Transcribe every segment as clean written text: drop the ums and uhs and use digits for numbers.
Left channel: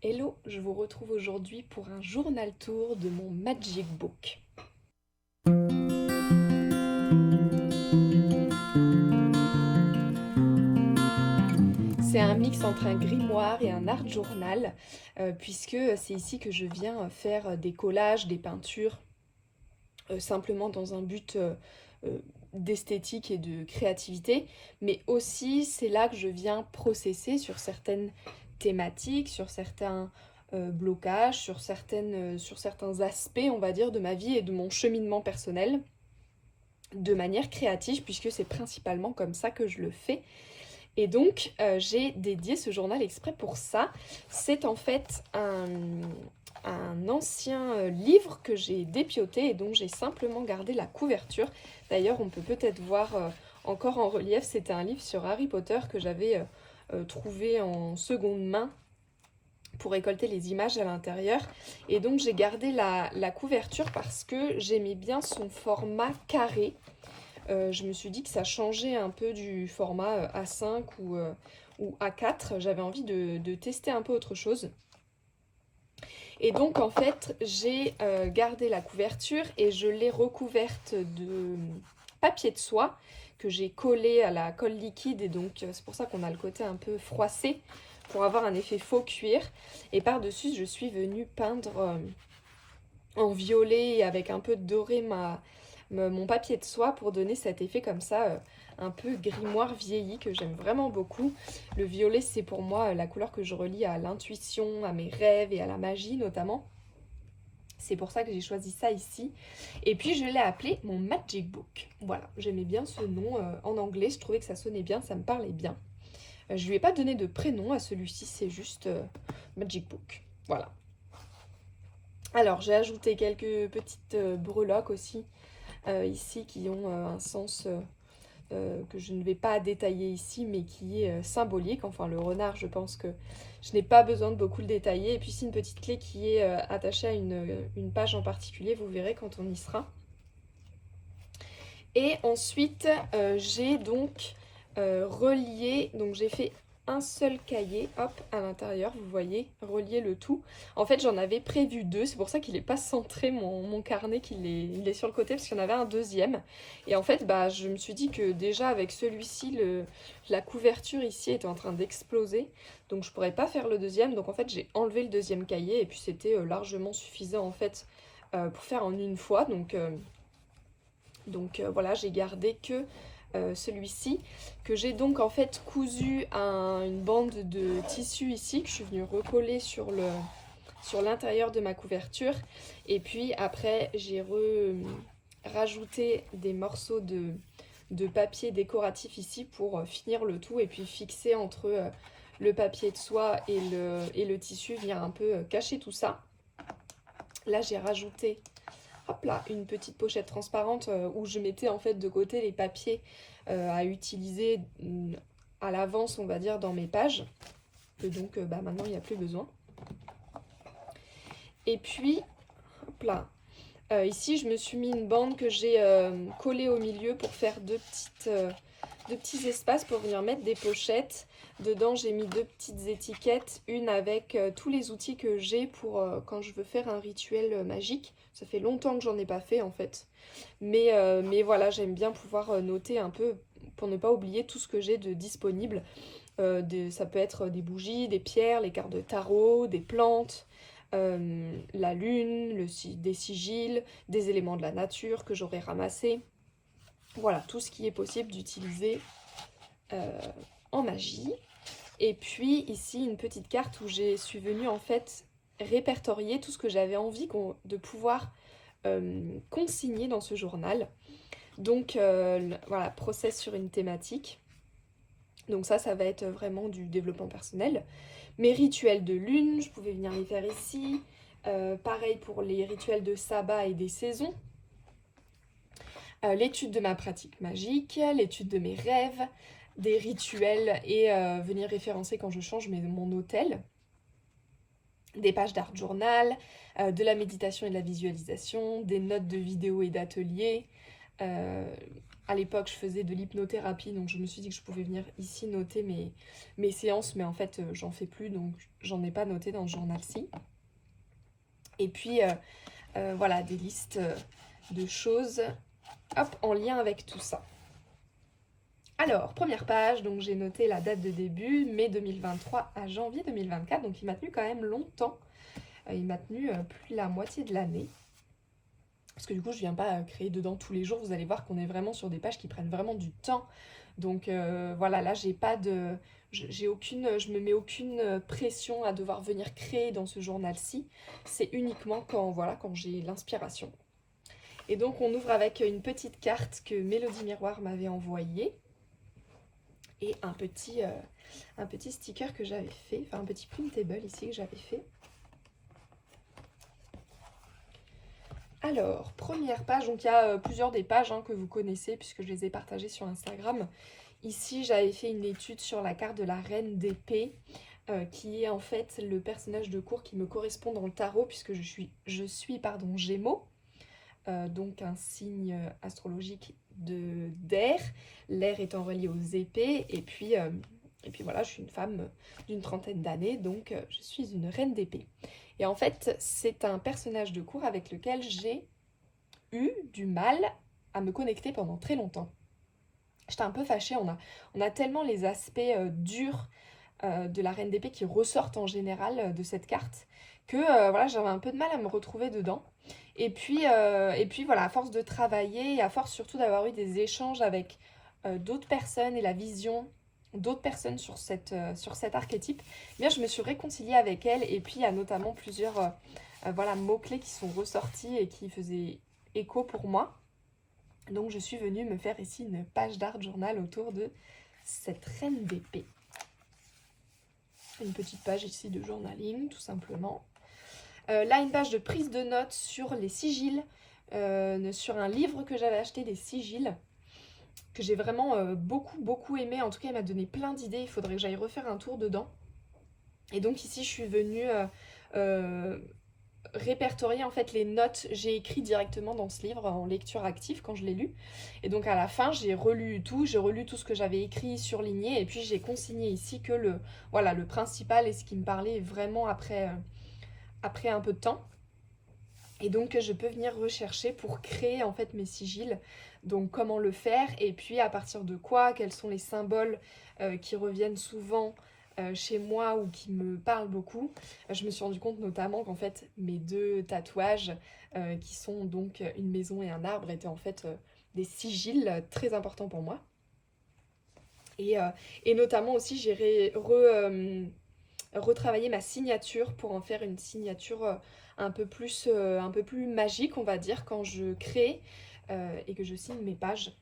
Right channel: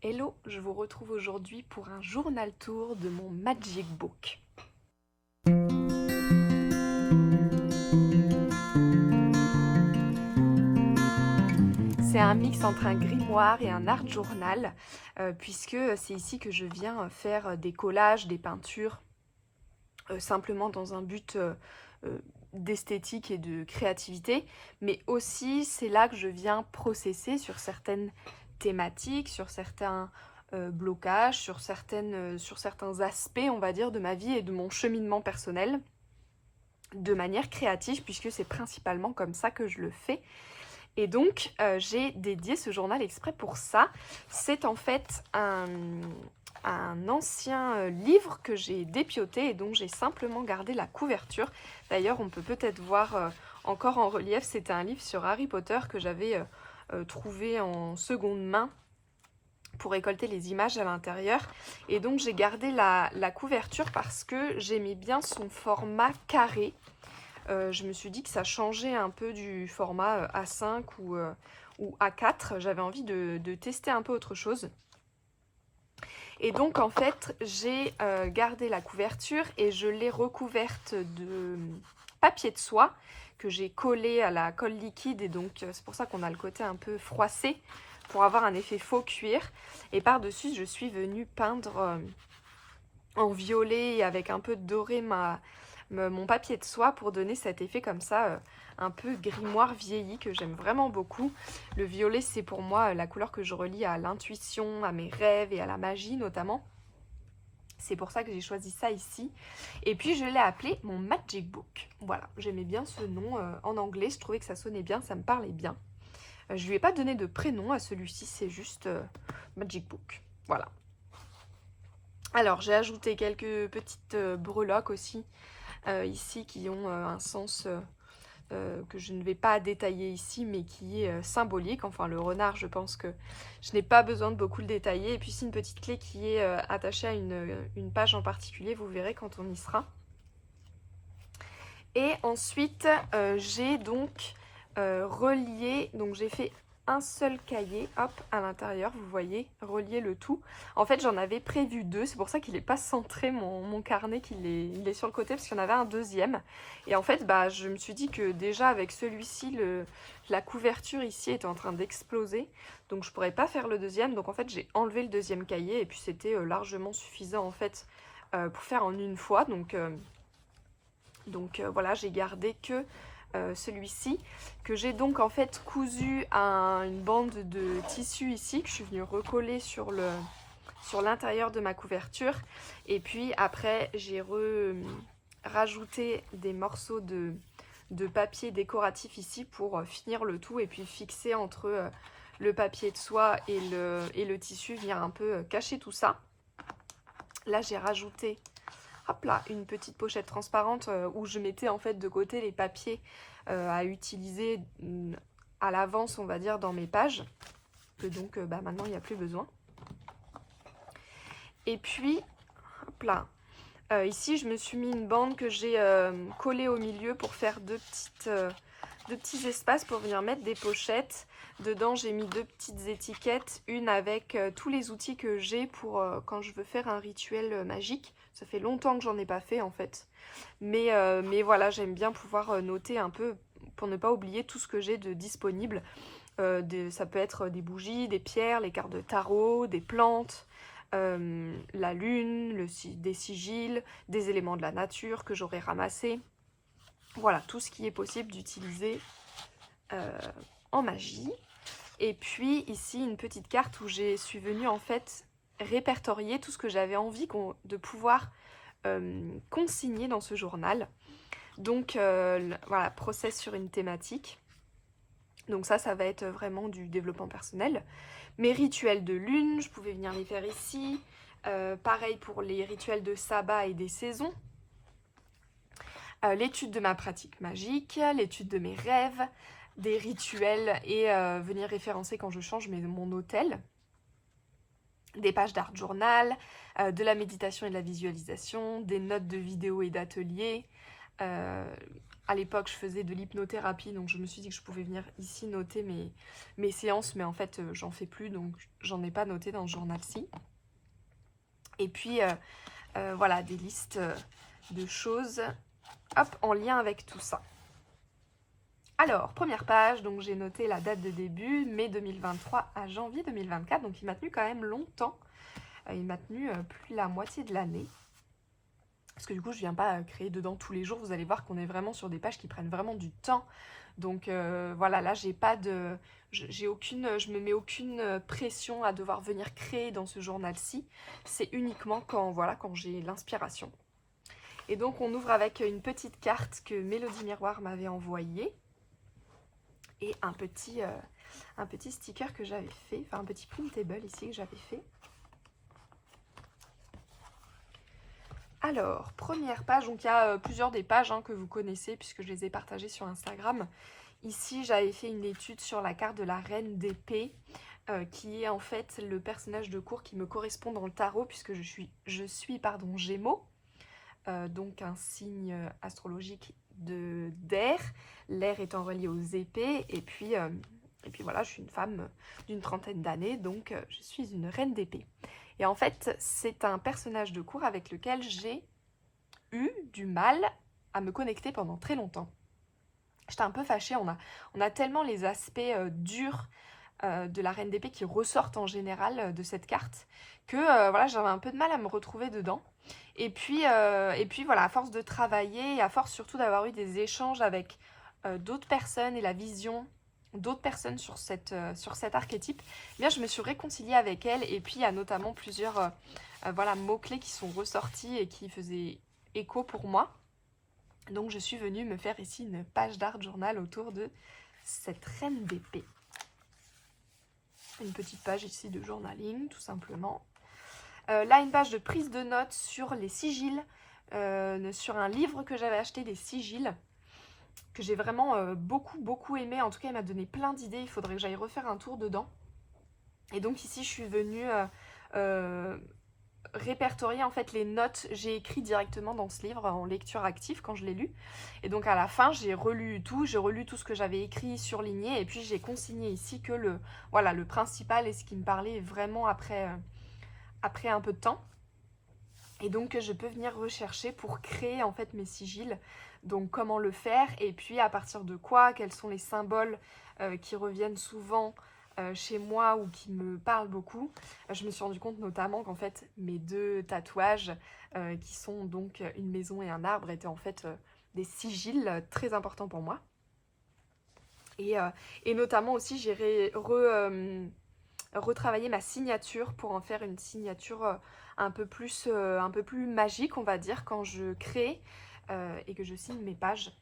Hello, je vous retrouve aujourd'hui pour un journal tour de mon Magic Book. C'est un mix entre un grimoire et un art journal, puisque c'est ici que je viens faire des collages, des peintures, simplement dans un but d'esthétique et de créativité, mais aussi c'est là que je viens processer sur certaines thématiques, sur certains blocages, sur certains aspects, on va dire, de ma vie et de mon cheminement personnel, de manière créative, puisque c'est principalement comme ça que je le fais. Et donc, j'ai dédié ce journal exprès pour ça. C'est en fait un ancien livre que j'ai dépioté et dont j'ai simplement gardé la couverture. D'ailleurs, on peut peut-être voir encore en relief, c'était un livre sur Harry Potter que j'avais trouvé en seconde main pour récolter les images à l'intérieur. Et donc, j'ai gardé la couverture parce que j'aimais bien son format carré. Je me suis dit que ça changeait un peu du format A5 ou A4. J'avais envie de tester un peu autre chose. Et donc en fait, j'ai gardé la couverture et je l'ai recouverte de papier de soie que j'ai collé à la colle liquide. Et donc c'est pour ça qu'on a le côté un peu froissé pour avoir un effet faux cuir. Et par-dessus, je suis venue peindre en violet avec un peu de doré mon papier de soie pour donner cet effet comme ça, un peu grimoire vieilli que j'aime vraiment beaucoup. Le violet, c'est pour moi la couleur que je relie à l'intuition, à mes rêves et à la magie notamment. C'est pour ça que j'ai choisi ça ici. Et puis je l'ai appelé mon Magic Book. Voilà, j'aimais bien ce nom en anglais, je trouvais que ça sonnait bien, ça me parlait bien. Je lui ai pas donné de prénom à celui-ci, c'est juste Magic Book. Voilà. Alors j'ai ajouté quelques petites breloques aussi ici qui ont un sens que je ne vais pas détailler ici mais qui est symbolique. Enfin le renard, je pense que je n'ai pas besoin de beaucoup le détailler. Et puis c'est une petite clé qui est attachée à une page en particulier, vous verrez quand on y sera. Et ensuite j'ai donc relié, donc j'ai fait un seul cahier, hop, à l'intérieur, vous voyez, relier le tout. En fait, j'en avais prévu deux, c'est pour ça qu'il n'est pas centré, mon carnet, il est sur le côté, parce qu'il y en avait un deuxième. Et en fait, bah, je me suis dit que déjà, avec celui-ci, la couverture ici était en train d'exploser, donc je pourrais pas faire le deuxième. Donc en fait, j'ai enlevé le deuxième cahier, et puis c'était largement suffisant, en fait, pour faire en une fois. Donc voilà, j'ai gardé que celui-ci, que j'ai donc en fait cousu une bande de tissu ici, que je suis venue recoller sur l'intérieur de ma couverture. Et puis après, j'ai rajouté des morceaux de papier décoratif ici pour finir le tout et puis fixer entre le papier de soie et le tissu, venir un peu cacher tout ça. Là, j'ai rajouté, hop là, une petite pochette transparente où je mettais en fait de côté les papiers à utiliser à l'avance, on va dire, dans mes pages. Que donc bah, maintenant, il n'y a plus besoin. Et puis, hop là, ici, je me suis mis une bande que j'ai collée au milieu pour faire deux petits espaces pour venir mettre des pochettes. Dedans, j'ai mis deux petites étiquettes, une avec tous les outils que j'ai pour quand je veux faire un rituel magique. Ça fait longtemps que j'en ai pas fait en fait. Mais voilà, j'aime bien pouvoir noter un peu pour ne pas oublier tout ce que j'ai de disponible. Ça peut être des bougies, des pierres, les cartes de tarot, des plantes, la lune, des sigils, des éléments de la nature que j'aurais ramassés. Voilà, tout ce qui est possible d'utiliser en magie. Et puis ici, une petite carte où je suis venue en fait répertorier tout ce que j'avais envie de pouvoir consigner dans ce journal. Donc voilà, process sur une thématique. Donc ça va être vraiment du développement personnel. Mes rituels de lune, je pouvais venir les faire ici. Pareil pour les rituels de sabbat et des saisons. L'étude de ma pratique magique, l'étude de mes rêves, des rituels et venir référencer quand je change mon hôtel. Des pages d'art journal, de la méditation et de la visualisation, des notes de vidéos et d'ateliers, À l'époque, je faisais de l'hypnothérapie, donc je me suis dit que je pouvais venir ici noter mes séances, mais en fait, j'en fais plus, donc j'en ai pas noté dans ce journal-ci. Et puis, voilà, des listes de choses, hop, en lien avec tout ça. Alors, première page, donc j'ai noté la date de début, mai 2023 à janvier 2024, donc il m'a tenu quand même longtemps. Il m'a tenu plus de la moitié de l'année. Parce que du coup, je viens pas créer dedans tous les jours. Vous allez voir qu'on est vraiment sur des pages qui prennent vraiment du temps. Donc voilà, là, j'ai pas de... je me mets aucune pression à devoir venir créer dans ce journal-ci. C'est uniquement quand, voilà, quand j'ai l'inspiration. Et donc, on ouvre avec une petite carte que Mélodie Miroir m'avait envoyée. Et un petit sticker que j'avais fait, enfin un petit printable ici que j'avais fait. Alors, première page, donc il y a plusieurs des pages que vous connaissez puisque je les ai partagées sur Instagram. Ici, j'avais fait une étude sur la carte de la reine d'épée, qui est en fait le personnage de cour qui me correspond dans le tarot puisque je suis Gémeaux, donc un signe astrologique d'air, l'air étant relié aux épées, et puis voilà, je suis une femme d'une trentaine d'années, donc je suis une reine d'épée. Et en fait, c'est un personnage de cour avec lequel j'ai eu du mal à me connecter pendant très longtemps. J'étais un peu fâchée, on a tellement les aspects durs de la reine d'épée qui ressortent en général de cette carte, que voilà, j'avais un peu de mal à me retrouver dedans. Et puis voilà, à force de travailler, et à force surtout d'avoir eu des échanges avec d'autres personnes et la vision d'autres personnes sur cet archétype, eh bien je me suis réconciliée avec elle. Et puis il y a notamment plusieurs voilà, mots-clés qui sont ressortis et qui faisaient écho pour moi. Donc je suis venue me faire ici une page d'art journal autour de cette reine d'épée. Une petite page ici de journaling, tout simplement. Là, une page de prise de notes sur les sigils, sur un livre que j'avais acheté, des sigils, que j'ai vraiment beaucoup aimé. En tout cas, il m'a donné plein d'idées. Il faudrait que j'aille refaire un tour dedans. Et donc ici, je suis venue répertorier en fait les notes. J'ai écrit directement dans ce livre en lecture active quand je l'ai lu. Et donc à la fin, j'ai relu tout ce que j'avais écrit, surligné. Et puis j'ai consigné ici que le principal et ce qui me parlait vraiment après un peu de temps. Et donc je peux venir rechercher pour créer en fait mes sigils. Donc comment le faire et puis à partir de quoi, quels sont les symboles qui reviennent souvent chez moi ou qui me parlent beaucoup. Je me suis rendu compte notamment qu'en fait mes deux tatouages qui sont donc une maison et un arbre étaient en fait des sigils très importants pour moi. Et notamment aussi j'ai retravaillé ma signature pour en faire une signature un peu plus magique, on va dire, quand je crée et que je signe mes pages.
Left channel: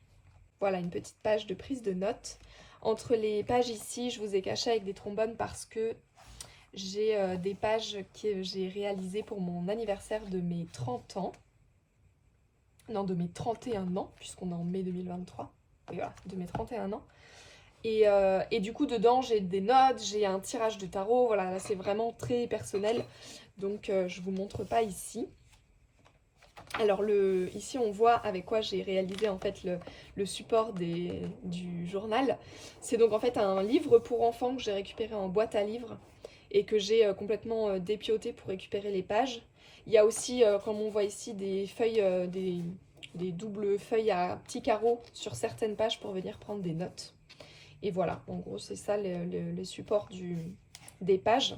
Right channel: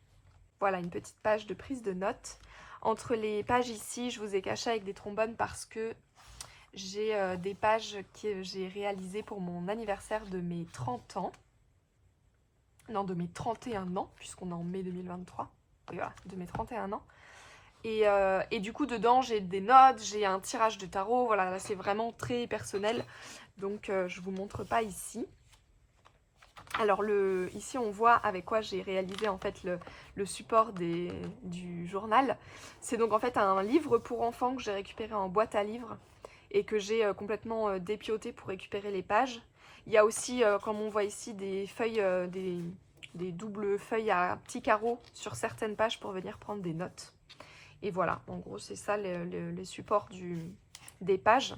Voilà, une petite page de prise de notes. Entre les pages ici, je vous ai caché avec des trombones parce que j'ai des pages que j'ai réalisées pour mon anniversaire de mes 30 ans. Non, de mes 31 ans, puisqu'on est en mai 2023. Et voilà, de mes 31 ans. Et du coup, dedans, j'ai des notes, j'ai un tirage de tarot. Voilà, là, c'est vraiment très personnel. Donc, je ne vous montre pas ici. Alors, ici, on voit avec quoi j'ai réalisé en fait le support du journal. C'est donc en fait un livre pour enfants que j'ai récupéré en boîte à livres et que j'ai complètement dépioté pour récupérer les pages. Il y a aussi, comme on voit ici, des feuilles, des doubles feuilles à petits carreaux sur certaines pages pour venir prendre des notes. Et voilà, en gros, c'est ça les supports des pages.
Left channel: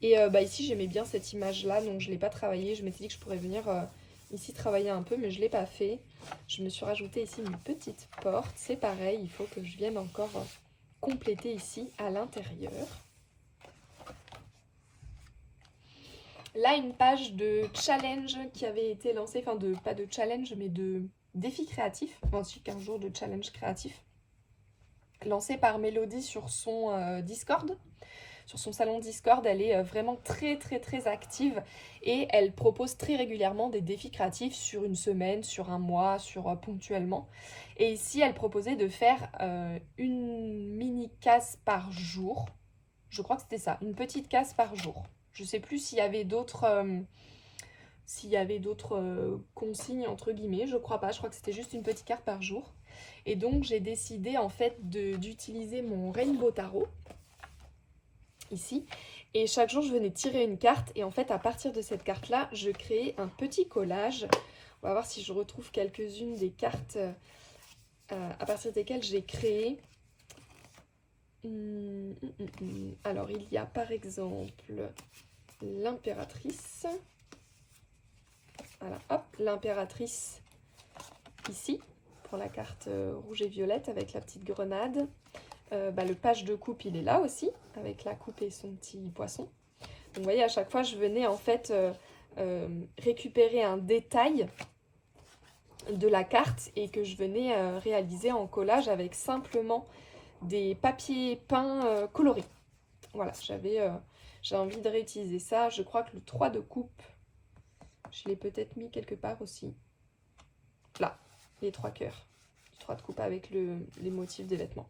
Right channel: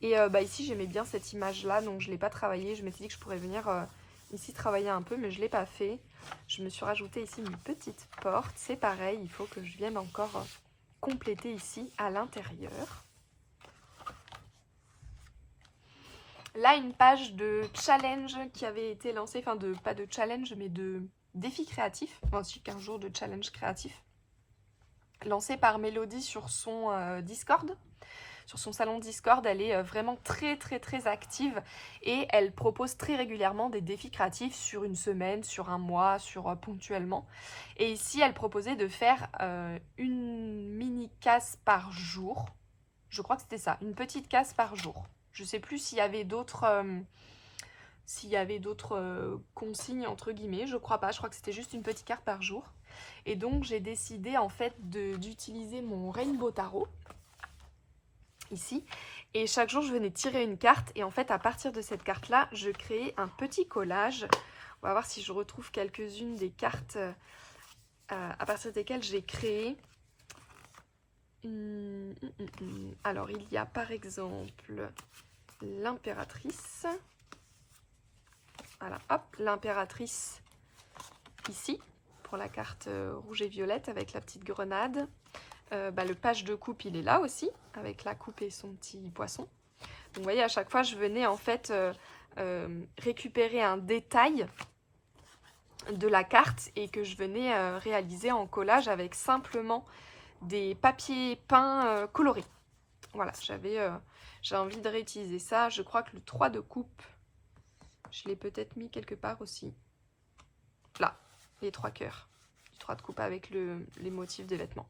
Et ici, j'aimais bien cette image-là, donc je ne l'ai pas travaillée. Je m'étais dit que je pourrais venir ici travailler un peu, mais je ne l'ai pas fait. Je me suis rajouté ici une petite porte. C'est pareil, il faut que je vienne encore compléter ici à l'intérieur. Là, une page de challenge qui avait été lancée, enfin, pas de challenge, mais de défi créatif, ainsi qu'un jour de challenge créatif, lancé par Mélodie sur son Discord. Sur son salon Discord, elle est vraiment très active et elle propose très régulièrement des défis créatifs sur une semaine, sur un mois, ponctuellement. Et ici, elle proposait de faire une mini casse par jour. Je crois que c'était ça, une petite casse par jour. Je ne sais plus s'il y avait d'autres s'il y avait d'autres consignes entre guillemets, je crois pas, je crois que c'était juste une petite carte par jour. Et donc j'ai décidé en fait d'utiliser mon Rainbow Tarot, ici, et chaque jour je venais tirer une carte, et en fait à partir de cette carte là, je créais un petit collage. On va voir si je retrouve quelques-unes des cartes à partir desquelles j'ai créé. Alors il y a par exemple l'impératrice. Voilà, hop, l'impératrice ici, pour la carte rouge et violette avec la petite grenade. Le page de coupe, il est là aussi, avec la coupe et son petit poisson. Donc vous voyez, à chaque fois, je venais en fait récupérer un détail de la carte et que je venais réaliser en collage avec simplement des papiers peints colorés. Voilà, j'ai envie de réutiliser ça. Je crois que le 3 de coupe, je l'ai peut-être mis quelque part aussi. Là, les 3 cœurs. Le 3 de coupe avec les motifs des vêtements.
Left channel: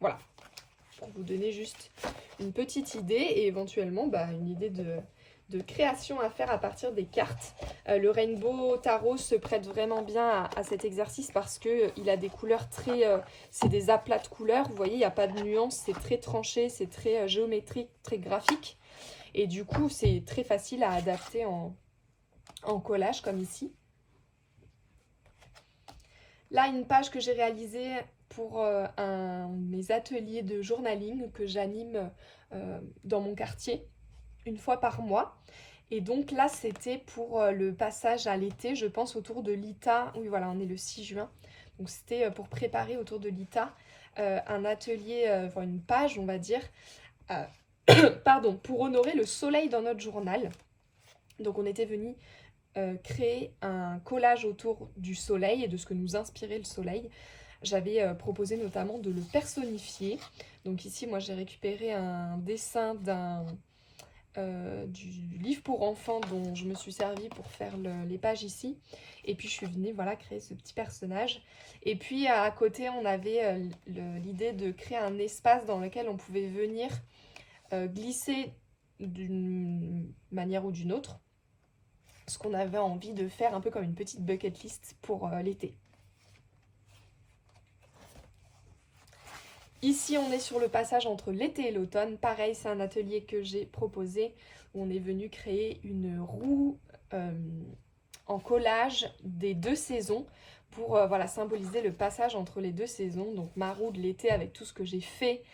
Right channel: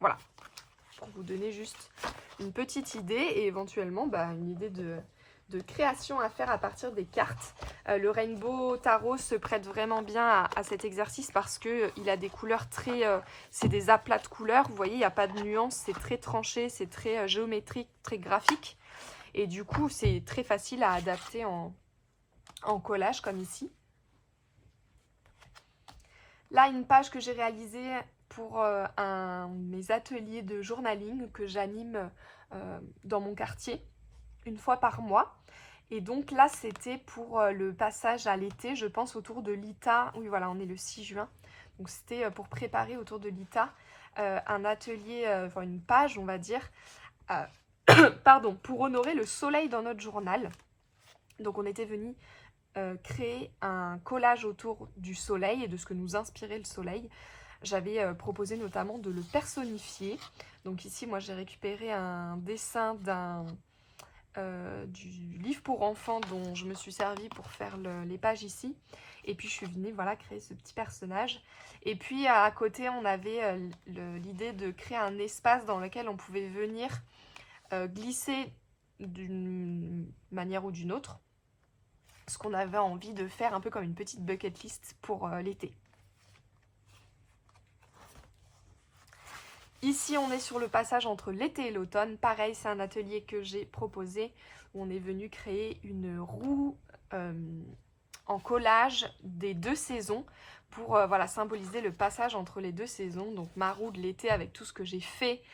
Voilà, pour vous donner juste une petite idée et éventuellement une idée de création à faire à partir des cartes. Le Rainbow Tarot se prête vraiment bien à cet exercice parce qu'il a des couleurs très... c'est des aplats de couleurs, vous voyez, il n'y a pas de nuance, c'est très tranché, c'est très géométrique, très graphique. Et du coup, c'est très facile à adapter en collage comme ici. Là, une page que j'ai réalisée pour mes ateliers de journaling que j'anime dans mon quartier une fois par mois. Et donc là, c'était pour le passage à l'été, je pense autour de l'ITA. Oui, voilà, on est le 6 juin. Donc c'était pour préparer autour de l'ITA un atelier, enfin une page, on va dire, pardon, pour honorer le soleil dans notre journal. Donc on était venu créer un collage autour du soleil et de ce que nous inspirait le soleil. J'avais proposé notamment de le personnifier. Donc ici, moi, j'ai récupéré un dessin du livre pour enfants dont je me suis servi pour faire les pages ici. Et puis, je suis venue créer ce petit personnage. Et puis, à côté, on avait l'idée de créer un espace dans lequel on pouvait venir glisser d'une manière ou d'une autre ce qu'on avait envie de faire, un peu comme une petite bucket list pour l'été. Ici, on est sur le passage entre l'été et l'automne. Pareil, c'est un atelier que j'ai proposé où on est venu créer une roue en collage des 2 saisons pour symboliser le passage entre les 2 saisons. Donc ma roue de l'été avec tout ce que j'ai fait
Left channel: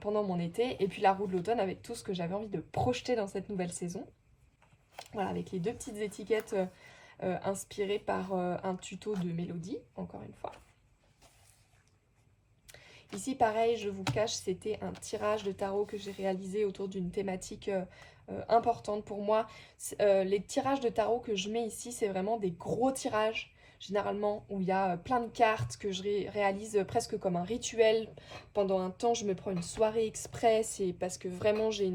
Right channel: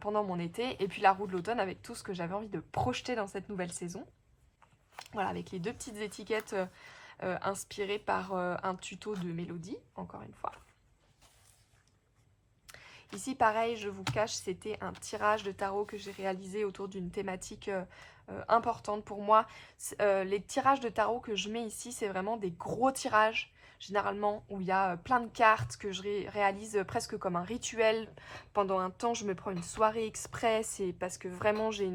pendant mon été et puis la roue de l'automne avec tout ce que j'avais envie de projeter dans cette nouvelle saison. Voilà, avec les 2 petites étiquettes inspirées par un tuto de Mélodie, encore une fois. Ici, pareil, je vous cache, c'était un tirage de tarot que j'ai réalisé autour d'une thématique importante pour moi. Les tirages de tarot que je mets ici, c'est vraiment des gros tirages, généralement, où il y a plein de cartes que je réalise presque comme un rituel. Pendant un temps, je me prends une soirée exprès, c'est parce que vraiment j'ai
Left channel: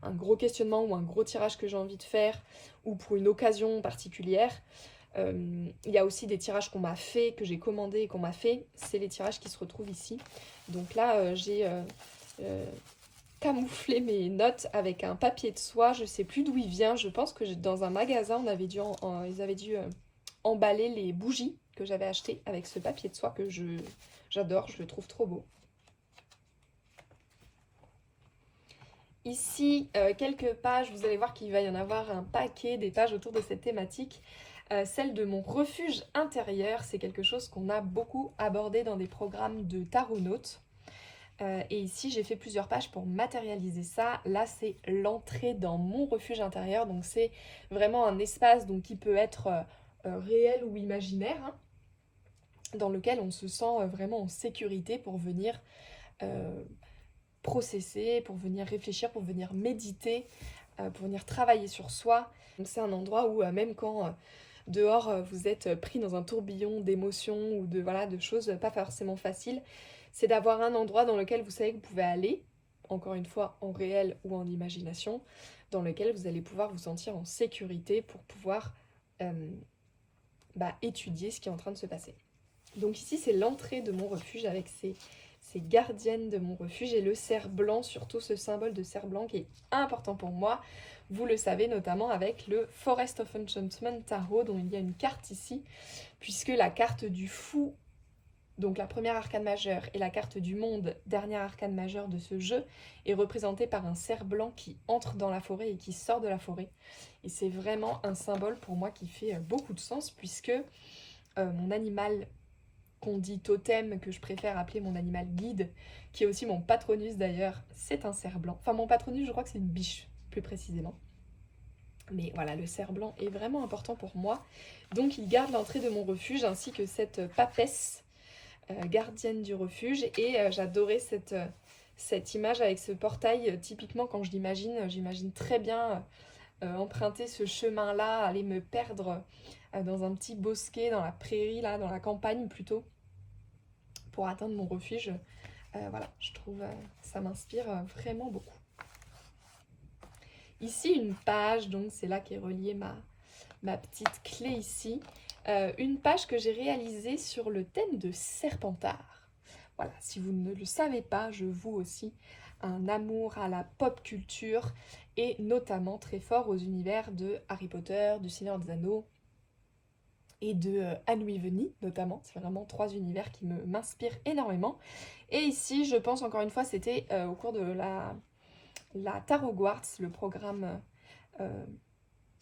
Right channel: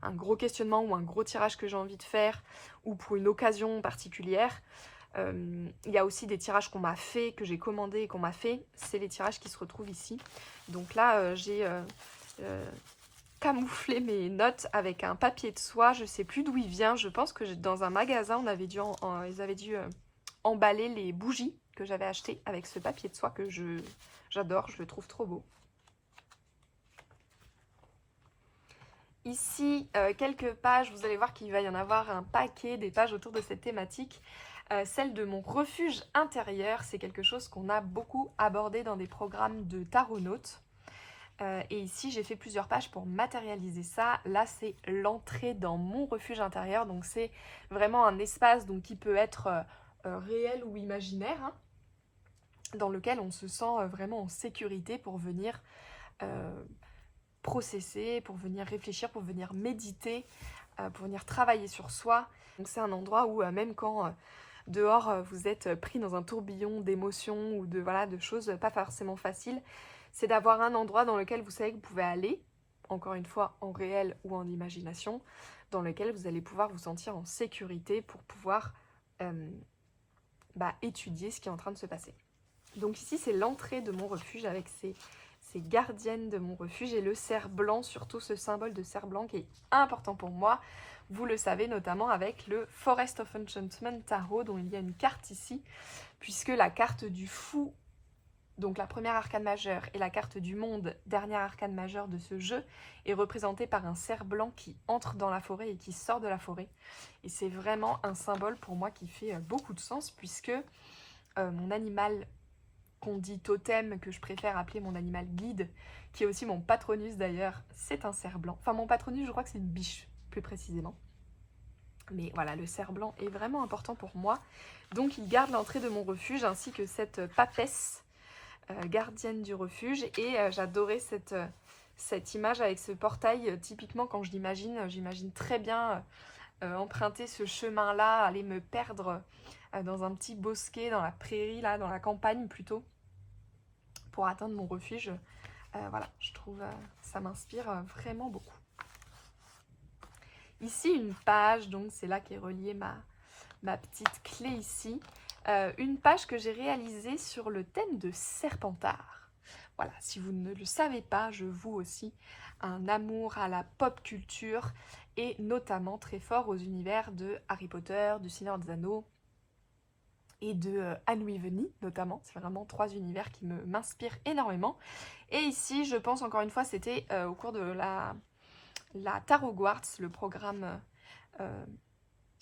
un gros questionnement ou un gros tirage que j'ai envie de faire, ou pour une occasion particulière. Il y a aussi des tirages qu'on m'a fait, que j'ai commandé et qu'on m'a fait. C'est les tirages qui se retrouvent ici. Donc là, j'ai camouflé mes notes avec un papier de soie. Je ne sais plus d'où il vient. Je pense que dans un magasin, ils avaient dû emballer les bougies que j'avais achetées avec ce papier de soie que j'adore. Je le trouve trop beau. Ici, quelques pages, vous allez voir qu'il va y en avoir un paquet, des pages autour de cette thématique. Celle de mon refuge intérieur, c'est quelque chose qu'on a beaucoup abordé dans des programmes de taronautes. Et ici, j'ai fait plusieurs pages pour matérialiser ça. Là, c'est l'entrée dans mon refuge intérieur. Donc, c'est vraiment un espace qui peut être réel ou imaginaire, hein, dans lequel on se sent vraiment en sécurité pour venir processer, pour venir réfléchir, pour venir méditer, pour venir travailler sur soi. Donc c'est un endroit où même quand dehors vous êtes pris dans un tourbillon d'émotions ou de choses pas forcément faciles, c'est d'avoir un endroit dans lequel vous savez que vous pouvez aller, encore une fois en réel ou en imagination, dans lequel vous allez pouvoir vous sentir en sécurité pour pouvoir étudier ce qui est en train de se passer. Donc ici c'est l'entrée de mon refuge avec c'est gardienne de mon refuge, et le cerf blanc, surtout ce symbole de cerf blanc qui est important pour moi. Vous le savez notamment avec le Forest of Enchantment Tarot, dont il y a une carte ici, puisque la carte du fou, donc la première arcane majeure, et la carte du monde, dernière arcane majeure de ce jeu, est représentée par un cerf blanc qui entre dans la forêt et qui sort de la forêt. Et c'est vraiment un symbole pour moi qui fait beaucoup de sens, puisque mon animal qu'on dit totem, que je préfère appeler mon animal guide, qui est aussi mon patronus d'ailleurs, c'est un cerf blanc. Enfin, mon patronus, je crois que c'est une biche, plus précisément. Mais voilà, le cerf blanc est vraiment important pour moi. Donc il garde l'entrée de mon refuge, ainsi que cette papesse gardienne du refuge. Et j'adorais cette image avec ce portail. Typiquement, quand je l'imagine, j'imagine très bien emprunter ce chemin-là, aller me perdre dans un petit bosquet, dans la prairie, là, dans la campagne plutôt, pour atteindre mon refuge. Voilà, je trouve ça m'inspire vraiment beaucoup. Ici, une page, donc c'est là qu'est reliée ma petite clé ici. Une page que j'ai réalisée sur le thème de Serpentard. Voilà, si vous ne le savez pas, je voue aussi un amour à la pop culture et notamment très fort aux univers de Harry Potter, du Seigneur des Anneaux et de Anne Wiveny notamment. C'est vraiment 3 univers qui m'inspirent énormément. Et ici, je pense encore une fois, c'était au cours de la Tarot Quartz, le programme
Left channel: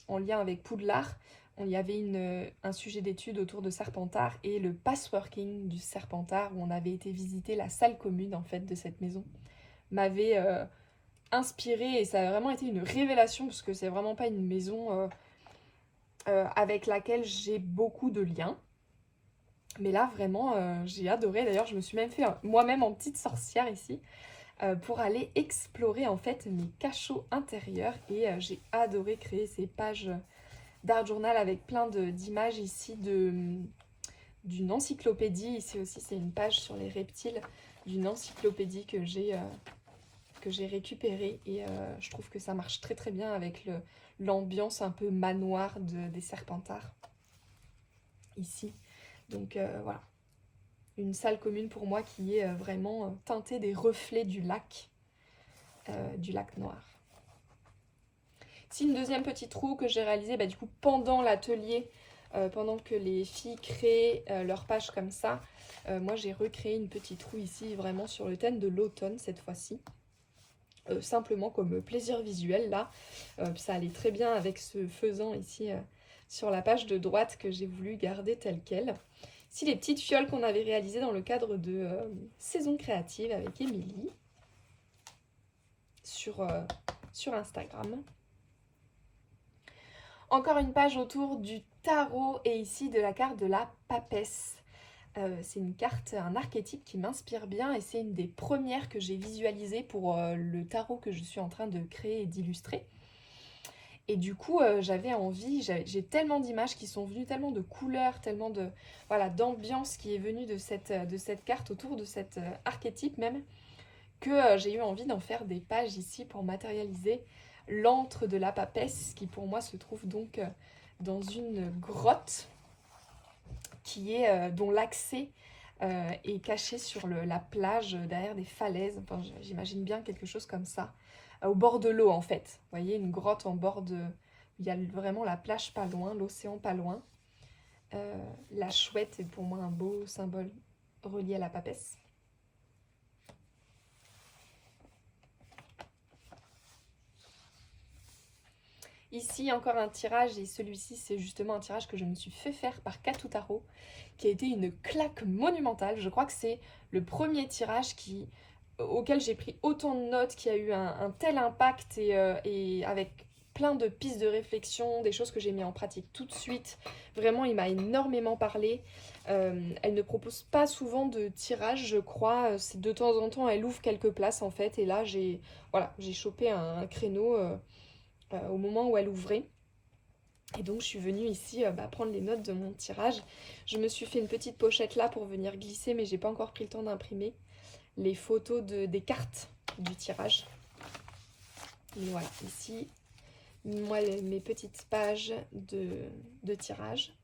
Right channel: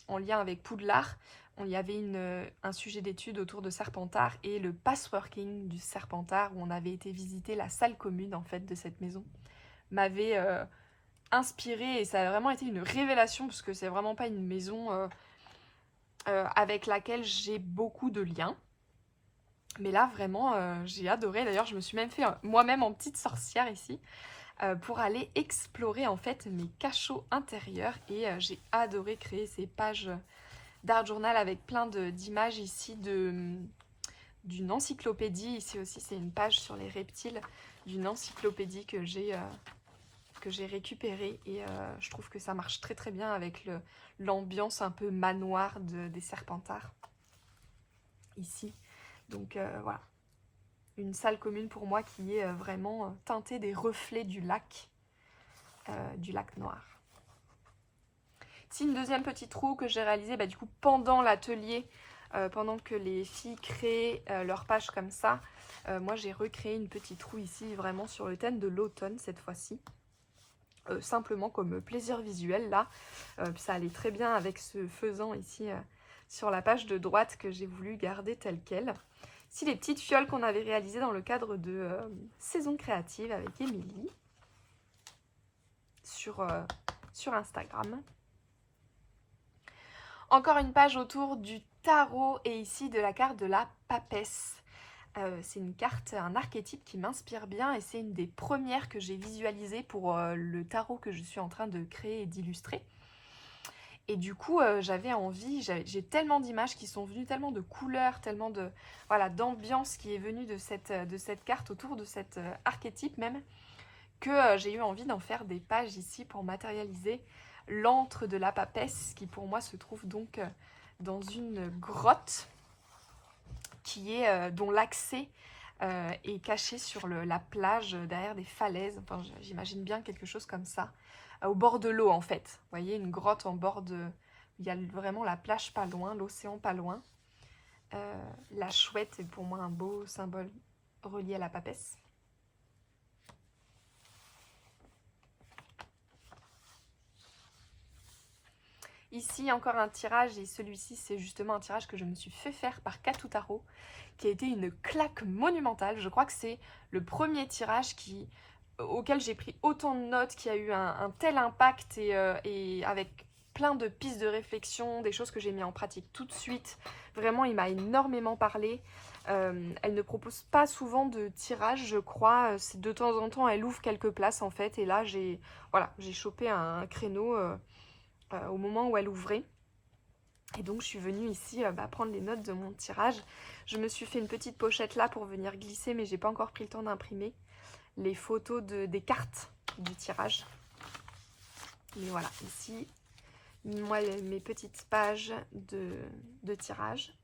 en lien avec Poudlard. Il y avait un sujet d'étude autour de Serpentard et le passworking du Serpentard, où on avait été visiter la salle commune en fait de cette maison, m'avait inspirée, et ça a vraiment été une révélation, parce que c'est vraiment pas une maison avec laquelle j'ai beaucoup de liens. Mais là vraiment j'ai adoré. D'ailleurs je me suis même fait moi-même en petite sorcière ici pour aller explorer en fait mes cachots intérieurs, et j'ai adoré créer ces pages d'art journal avec plein d'images ici d'une encyclopédie. Ici aussi c'est une page sur les reptiles d'une encyclopédie que j'ai récupérée, et je trouve que ça marche très très bien avec l'ambiance un peu manoir des Serpentards ici. Donc voilà, une salle commune pour moi qui est vraiment teintée des reflets du lac noir. Ici, une deuxième petite roue que j'ai réalisée du coup pendant l'atelier, pendant que les filles créaient leur page comme ça. Moi, j'ai recréé une petite roue ici, vraiment sur le thème de l'automne cette fois-ci. Simplement comme plaisir visuel, là. Ça allait très bien avec ce faisan ici sur la page de droite que j'ai voulu garder tel quel. Ici, les petites fioles qu'on avait réalisées dans le cadre de Saison Créative avec Émilie sur Instagram. Encore une page autour du tarot, et ici de la carte de la papesse. C'est une carte, un archétype qui m'inspire bien, et c'est une des premières que j'ai visualisées pour le tarot que je suis en train de créer et d'illustrer. Et du coup, j'avais envie, j'ai tellement d'images qui sont venues, tellement de couleurs, tellement de d'ambiance qui est venue de cette carte, autour de cet archétype même, que j'ai eu envie d'en faire des pages ici pour matérialiser l'antre de la papesse, qui pour moi se trouve donc dans une grotte dont l'accès est caché sur la plage, derrière des falaises. Enfin, j'imagine bien quelque chose comme ça, au bord de l'eau en fait. Vous voyez, une grotte en bord de... Il y a vraiment la plage pas loin, l'océan pas loin. La chouette est pour moi un beau symbole relié à la papesse. Ici, encore un tirage, et celui-ci, c'est justement un tirage que je me suis fait faire par Katou Tarot, qui a été une claque monumentale. Je crois que c'est le premier tirage auquel j'ai pris autant de notes, qui a eu un tel impact, et avec plein de pistes de réflexion, des choses que j'ai mis en pratique tout de suite. Vraiment, il m'a énormément parlé. Elle ne propose pas souvent de tirage, je crois. C'est de temps en temps, elle ouvre quelques places en fait. Et là, j'ai chopé un créneau au moment où elle ouvrait. Et donc je suis venue ici prendre les notes de mon tirage. Je me suis fait une petite pochette là pour venir glisser, mais j'ai pas encore pris le temps d'imprimer les photos des cartes du tirage. Mais voilà, ici, moi, mes petites pages de tirage.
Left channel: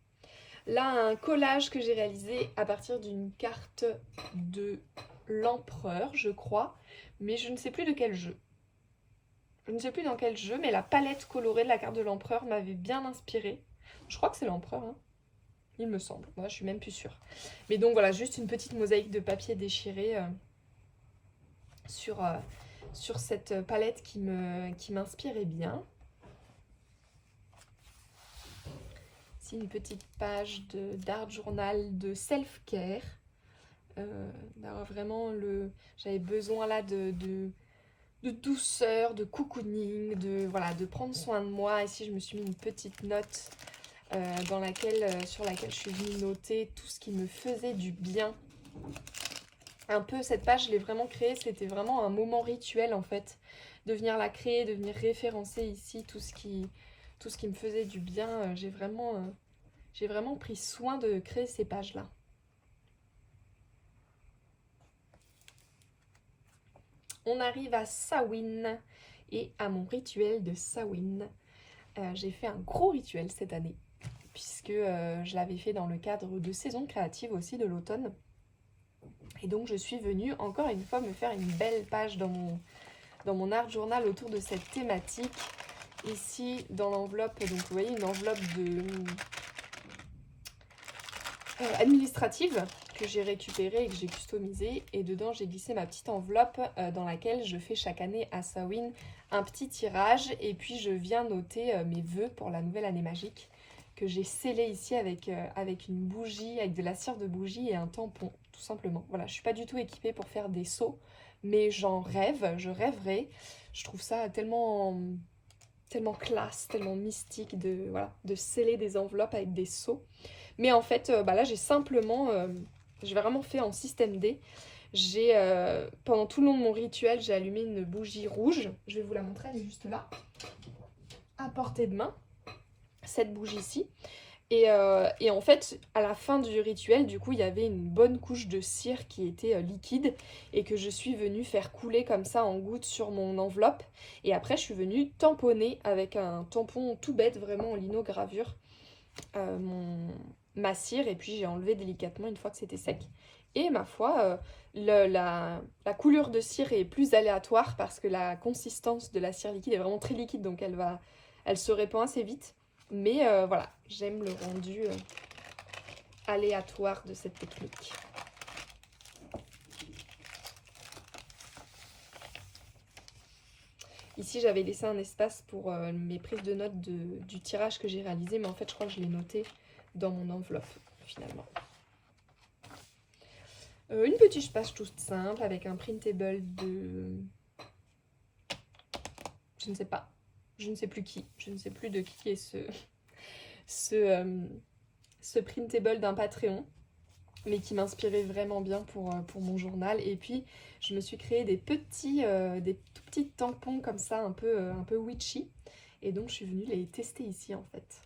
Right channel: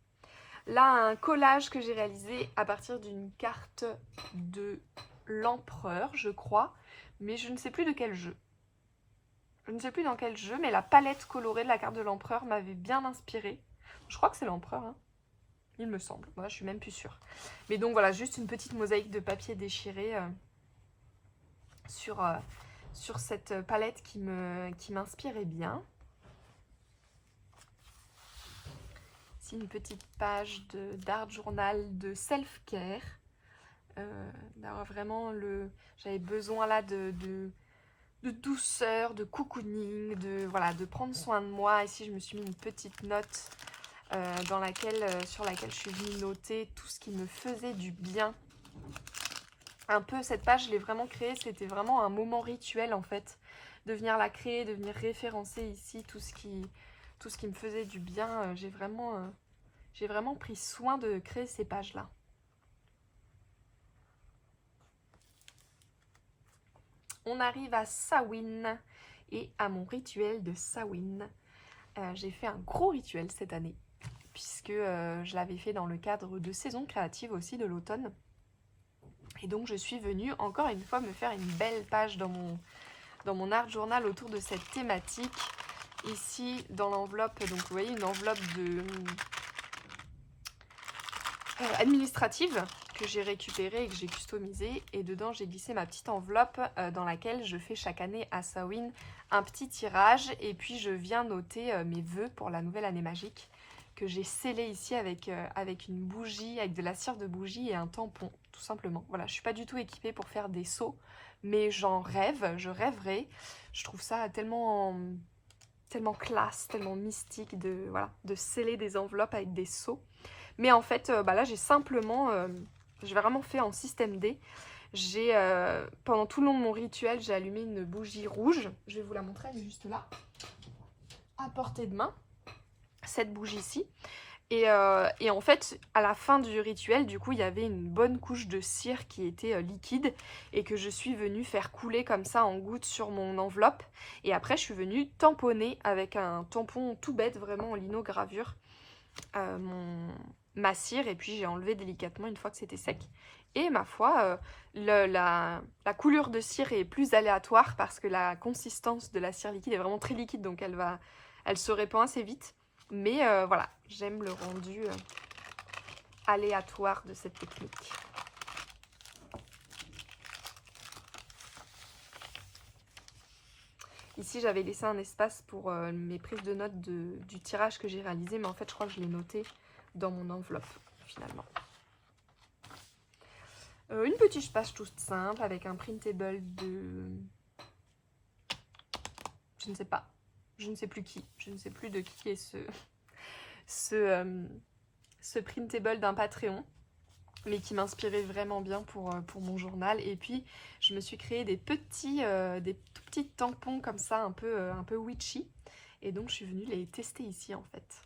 Là, un collage que j'ai réalisé à partir d'une carte de l'Empereur, je crois, mais je ne sais plus de quel jeu. Je ne sais plus dans quel jeu, mais la palette colorée de la carte de l'Empereur m'avait bien inspirée. Je crois que c'est l'Empereur, hein. Il me semble. Moi, je suis même plus sûre. Mais donc voilà, juste une petite mosaïque de papier déchiré sur cette palette qui m'inspirait bien. Ici, une petite page d'art journal de self-care. D'avoir vraiment j'avais besoin là de douceur, de cocooning, de prendre soin de moi. Ici, je me suis mis une petite note sur laquelle je suis venue noter tout ce qui me faisait du bien. Un peu, cette page, je l'ai vraiment créée, c'était vraiment un moment rituel en fait. De venir la créer, de venir référencer ici tout ce qui me faisait du bien. J'ai vraiment pris soin de créer ces pages-là. On arrive à Samhain et à mon rituel de Samhain. J'ai fait un gros rituel cette année, puisque je l'avais fait dans le cadre de saison créative aussi de l'automne. Et donc je suis venue encore une fois me faire une belle page dans mon art journal autour de cette thématique. Ici dans l'enveloppe, donc vous voyez une enveloppe administrative que j'ai récupérée et que j'ai customisée. Et dedans j'ai glissé ma petite enveloppe dans laquelle je fais chaque année à Samhain un petit tirage. Et puis je viens noter mes vœux pour la nouvelle année magique, que j'ai scellé ici avec une bougie, avec de la cire de bougie et un tampon, tout simplement. Voilà, je suis pas du tout équipée pour faire des seaux, mais j'en rêve, je rêverais. Je trouve ça tellement classe, tellement mystique de sceller des enveloppes avec des seaux. Mais en fait, là j'ai simplement, j'ai vraiment fait en système D. Pendant tout le long de mon rituel, j'ai allumé une bougie rouge. Je vais vous la montrer, elle est juste là, à portée de main. Cette bougie-ci. Et en fait, à la fin du rituel, du coup, il y avait une bonne couche de cire qui était liquide et que je suis venue faire couler comme ça en gouttes sur mon enveloppe. Et après, je suis venue tamponner avec un tampon tout bête, vraiment en linogravure, ma cire. Et puis, j'ai enlevé délicatement une fois que c'était sec. Et ma foi, la couleur de cire est plus aléatoire parce que la consistance de la cire liquide est vraiment très liquide. Donc, elle se répand assez vite. Mais voilà, j'aime le rendu aléatoire de cette technique. Ici, j'avais laissé un espace pour mes prises de notes du tirage que j'ai réalisé, mais en fait, je crois que je l'ai noté dans mon enveloppe, finalement. Une petite page toute simple avec un printable de... Je ne sais pas. Je ne sais plus qui. Je ne sais plus de qui est ce printable d'un Patreon, mais qui m'inspirait vraiment bien pour mon journal. Et puis, je me suis créé des tout petits tampons comme ça, un peu witchy. Et donc, je suis venue les tester ici, en fait.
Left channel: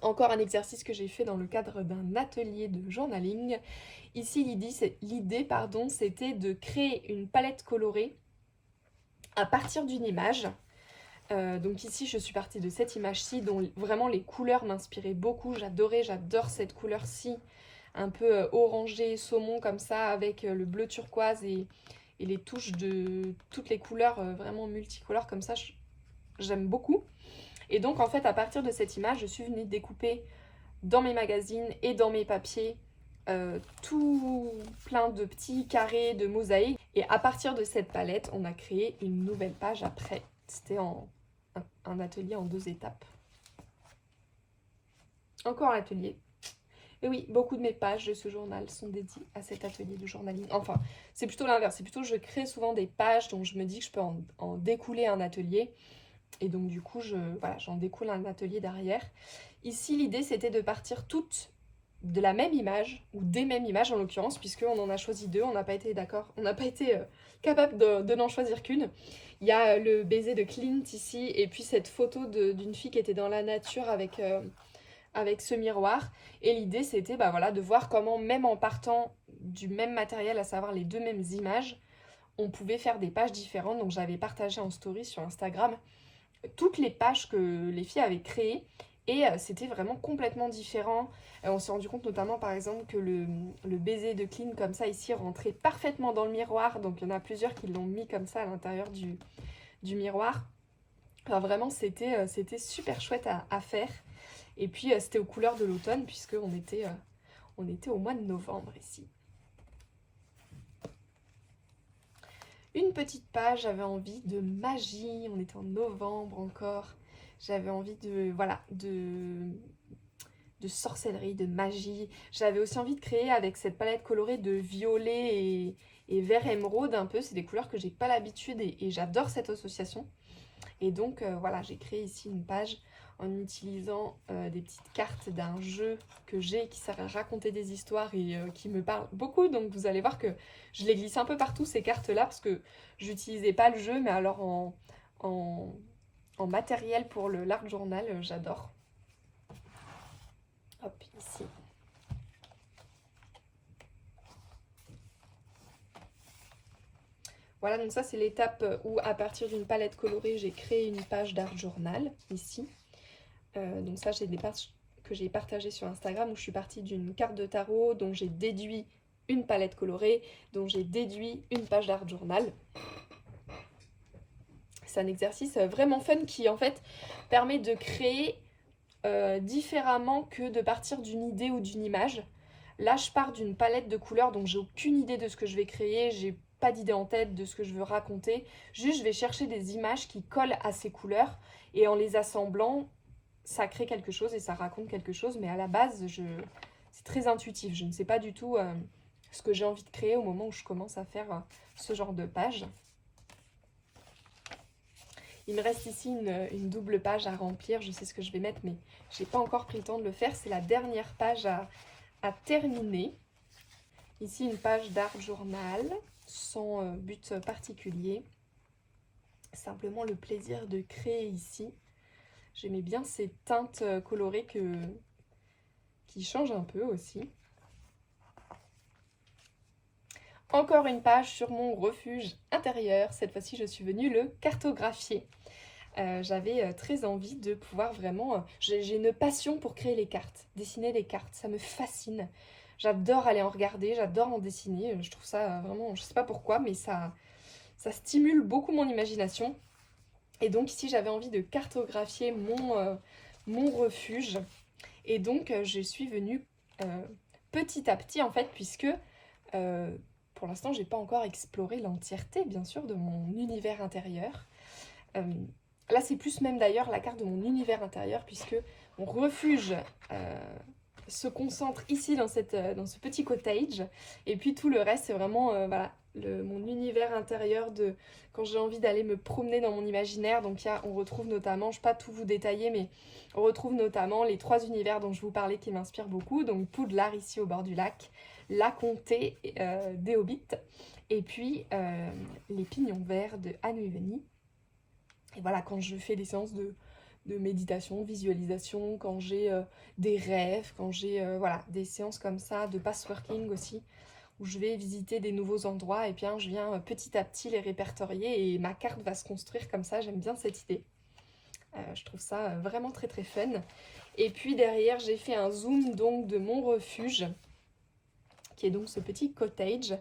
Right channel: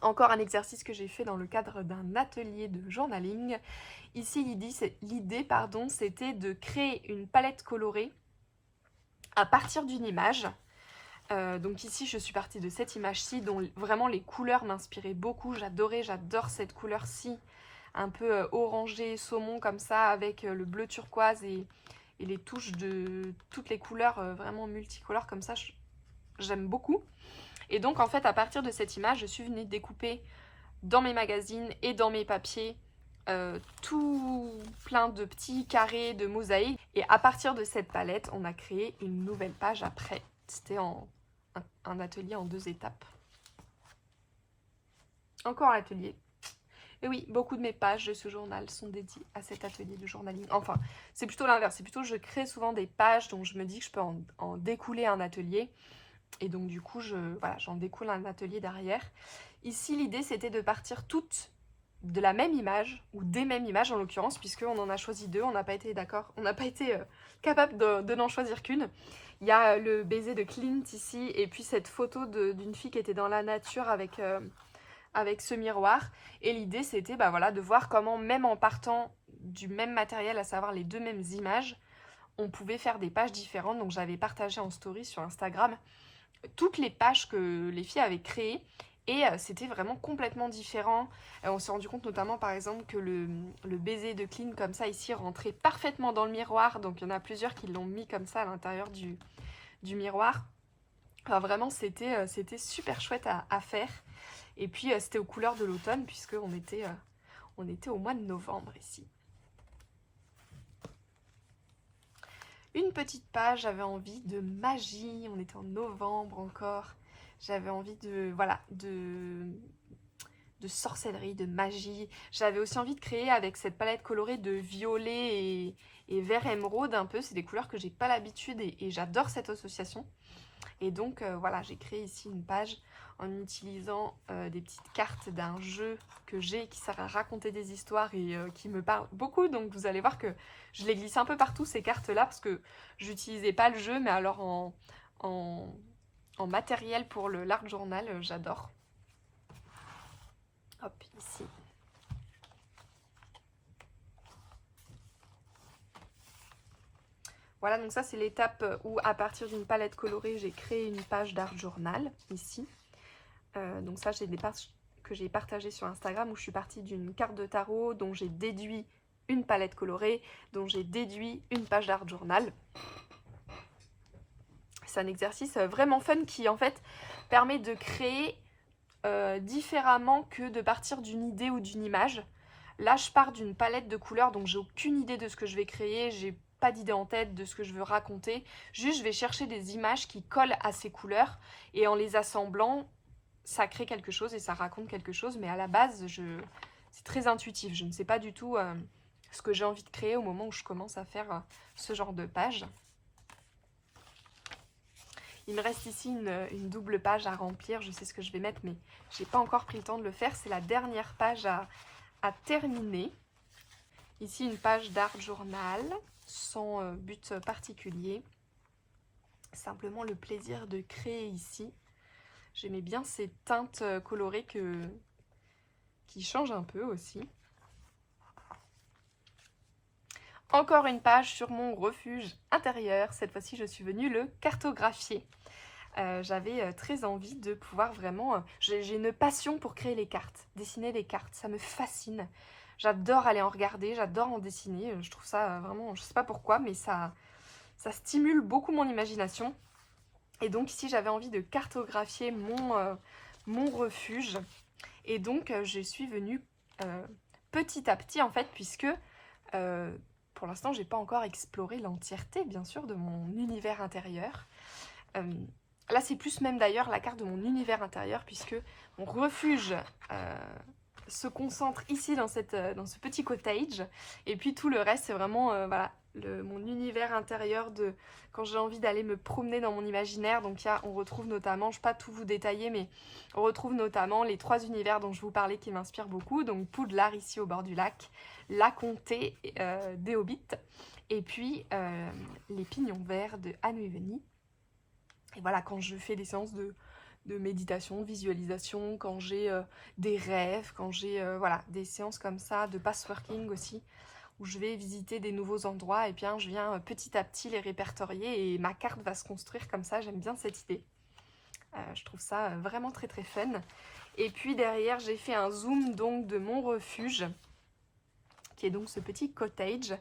Encore un exercice que j'ai fait dans le cadre d'un atelier de journaling. Ici, l'idée, c'était de créer une palette colorée à partir d'une image. Donc ici, je suis partie de cette image-ci, dont vraiment les couleurs m'inspiraient beaucoup. J'adore cette couleur-ci, un peu orangé, saumon comme ça, avec le bleu turquoise et les touches de toutes les couleurs vraiment multicolores comme ça. J'aime beaucoup. Et donc en fait, à partir de cette image, je suis venue découper dans mes magazines et dans mes papiers tout plein de petits carrés de mosaïques. Et à partir de cette palette, on a créé une nouvelle page après. C'était un atelier en 2 étapes. Encore un atelier. Et oui, beaucoup de mes pages de ce journal sont dédiées à cet atelier de journaling. Enfin, c'est plutôt l'inverse. C'est plutôt je crée souvent des pages dont je me dis que je peux en découler un atelier. Et donc du coup, j'en découle un atelier derrière. Ici, l'idée, c'était de partir toutes de la même image, ou des mêmes images en l'occurrence, puisqu'on en a choisi 2, on n'a pas été d'accord, on n'a pas été capable de n'en choisir qu'une. Il y a le baiser de Clint ici, et puis cette photo d'une fille qui était dans la nature avec ce miroir. Et l'idée, c'était de voir comment, même en partant du même matériel, à savoir les 2 mêmes images, on pouvait faire des pages différentes. Donc j'avais partagé en story sur Instagram toutes les pages que les filles avaient créées. Et c'était vraiment complètement différent. On s'est rendu compte notamment par exemple que le baiser de Clean comme ça ici rentrait parfaitement dans le miroir. Donc il y en a plusieurs qui l'ont mis comme ça à l'intérieur du miroir. Enfin, vraiment c'était super chouette à faire. Et puis c'était aux couleurs de l'automne puisqu'on était, on était au mois de novembre ici. Une petite page, j'avais envie de magie, on était en novembre encore. J'avais envie de, voilà, de sorcellerie, de magie. J'avais aussi envie de créer avec cette palette colorée de violet et vert émeraude un peu. C'est des couleurs que j'ai pas l'habitude et j'adore cette association. Et donc voilà, j'ai créé ici une page en utilisant des petites cartes d'un jeu que j'ai qui sert à raconter des histoires et qui me parle beaucoup. Donc vous allez voir que je les glisse un peu partout ces cartes-là parce que j'utilisais pas le jeu, mais alors en matériel pour l'art journal, j'adore. Hop, ici. Voilà, donc ça c'est l'étape où à partir d'une palette colorée, j'ai créé une page d'art journal, ici. Donc ça, j'ai des pages que j'ai partagées sur Instagram où je suis partie d'une carte de tarot dont j'ai déduit une palette colorée, dont j'ai déduit une page d'art journal. C'est un exercice vraiment fun qui en fait permet de créer différemment que de partir d'une idée ou d'une image. Là, je pars d'une palette de couleurs, donc j'ai aucune idée de ce que je vais créer, j'ai pas d'idée en tête de ce que je veux raconter. Juste, je vais chercher des images qui collent à ces couleurs et en les assemblant, ça crée quelque chose et ça raconte quelque chose. Mais à la base, c'est très intuitif. Je ne sais pas du tout ce que j'ai envie de créer au moment où je commence à faire ce genre de page. Il me reste ici une double page à remplir. Je sais ce que je vais mettre, mais j'ai pas encore pris le temps de le faire. C'est la dernière page à terminer. Ici, une page d'art journal, sans but particulier. Simplement le plaisir de créer ici. J'aimais bien ces teintes colorées qui changent un peu aussi. Encore une page sur mon refuge intérieur. Cette fois-ci, je suis venue le cartographier. J'avais très envie de pouvoir vraiment... j'ai une passion pour créer les cartes, dessiner les cartes, ça me fascine. J'adore aller en regarder, j'adore en dessiner, je trouve ça vraiment, je sais pas pourquoi, mais ça stimule beaucoup mon imagination. Et donc ici, j'avais envie de cartographier mon refuge. Et donc, je suis venue petit à petit, en fait, puisque pour l'instant, j'ai pas encore exploré l'entièreté, bien sûr, de mon univers intérieur. Là, c'est plus même d'ailleurs la carte de mon univers intérieur, puisque mon refuge se concentre ici dans ce petit cottage. Et puis tout le reste, c'est vraiment voilà, mon univers intérieur de quand j'ai envie d'aller me promener dans mon imaginaire. Donc on retrouve notamment, je ne vais pas tout vous détailler, mais on retrouve notamment les 3 univers dont je vous parlais qui m'inspirent beaucoup. Donc Poudlard ici au bord du lac, la comté des Hobbits, et puis les pignons verts de Anne Wiveny. Et voilà, quand je fais des séances de méditation, de visualisation, quand j'ai des rêves, quand j'ai voilà, des séances comme ça, de passworking aussi, où je vais visiter des nouveaux endroits, et bien je viens petit à petit les répertorier et ma carte va se construire comme ça. J'aime bien cette idée. Je trouve ça vraiment très très fun. Et puis derrière, j'ai fait un zoom donc de mon refuge, qui est donc ce petit cottage.